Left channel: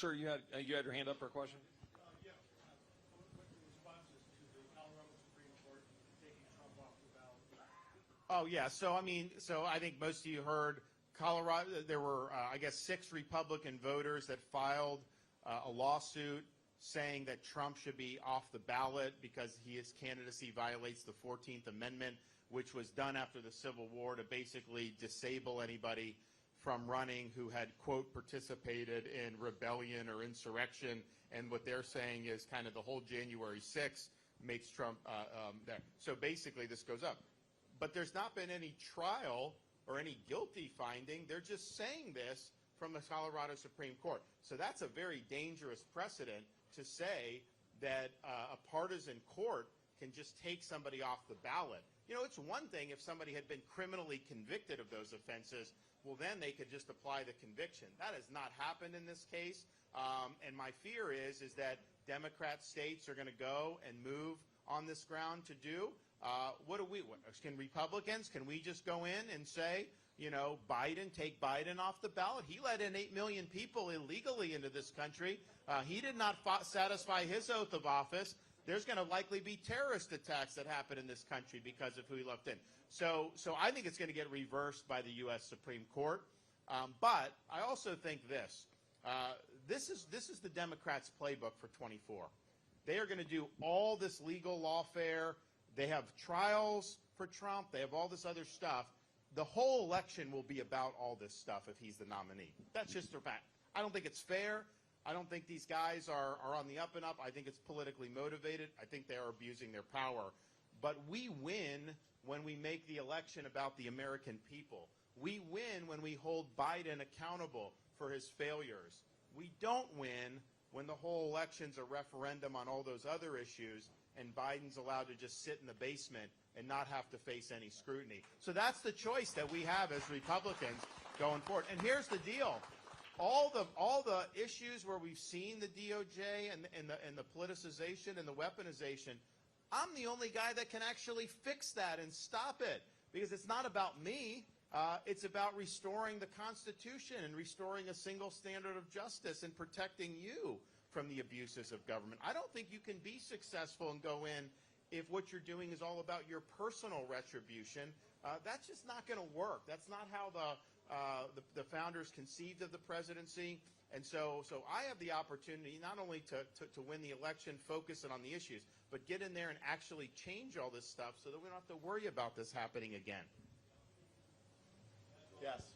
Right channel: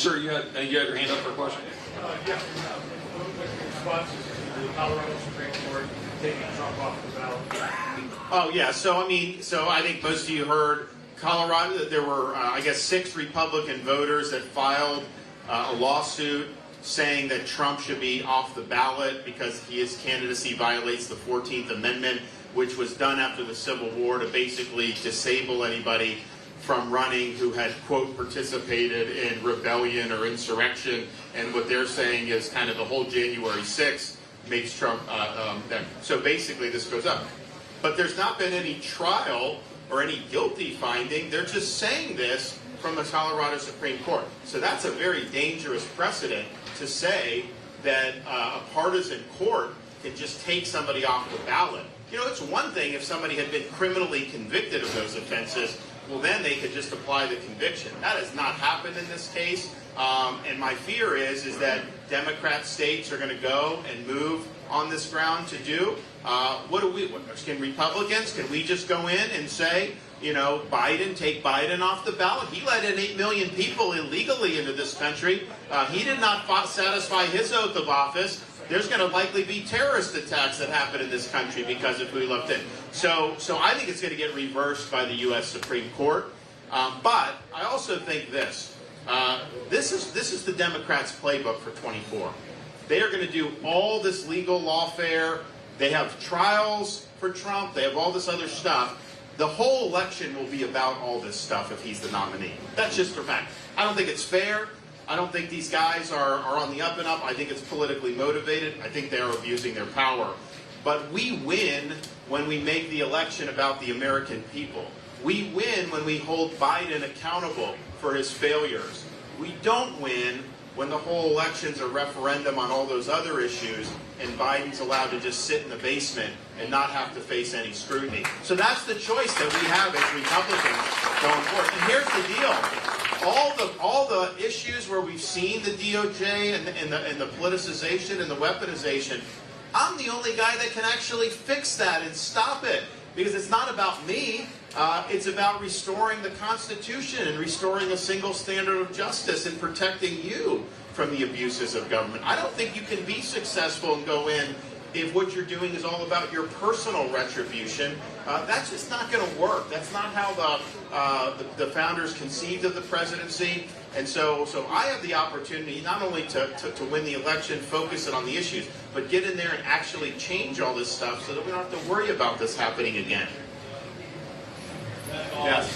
Sir, you had your hand up for a question? Yeah. Responses to the Colorado Supreme Court taking Trump off the ballot. Oh yeah. So I think most of you heard Colorado that there were, I guess, 6 Republican voters that filed a lawsuit saying that Trump should be off the ballot because his candidacy violates the 14th Amendment, which was done after the Civil War to basically disable anybody from running who had, quote, participated in rebellion or insurrection. And what they're saying is kind of the whole January 6th makes Trump, so basically this goes up. But there's not been any trial or any guilty finding. They're just saying this from the Colorado Supreme Court. So that's a very dangerous precedent to say that a partisan court can just take somebody off the ballot. You know, it's one thing if somebody had been criminally convicted of those offenses, well then they could just apply the conviction. That has not happened in this case, and my fear is that Democrat states are going to go and move on this ground to do. Can Republicans, can we just go in and say, you know, take Biden off the ballot? He let in 8 million people illegally into this country. He did not satisfy his oath of office. There's going to likely be terrorist attacks that happen in this country because of who he left in. So I think it's going to get reversed by the U.S. Supreme Court. But I also think this. This is the Democrats' playbook for 24. They are going to do all this legal lawfare. They have trials for Trump. They have all this other stuff. The whole election will be about all this stuff if he's the nominee. That's just a fact. I don't think it's fair. I don't think these guys are on the up and up. I think it's politically motivated. I think they are abusing their power. But we win when we make the election about the American people. We win when we hold Biden accountable for his failures. We don't win when the whole election's a referendum on all those other issues and Biden's allowed to just sit in the basement and not have to face any scrutiny. So that's the choice that we have as Republicans going forward. And here's the deal. All the issues where we've seen the DOJ and the politicization and the weaponization, I'm the only guy that can actually fix that and stop it. Because it's not about me. It's about restoring the Constitution and restoring a single standard of justice and protecting you from the abuses of government. I don't think you can be successful and go in if what you're doing is all about your personal retribution. That's just not going to work. That's not how the founders conceived of the presidency. And so I have the opportunity not only to win the election, focus it on the issues, but get in there and actually change all this stuff so that we don't have to worry about this happening again. Yes.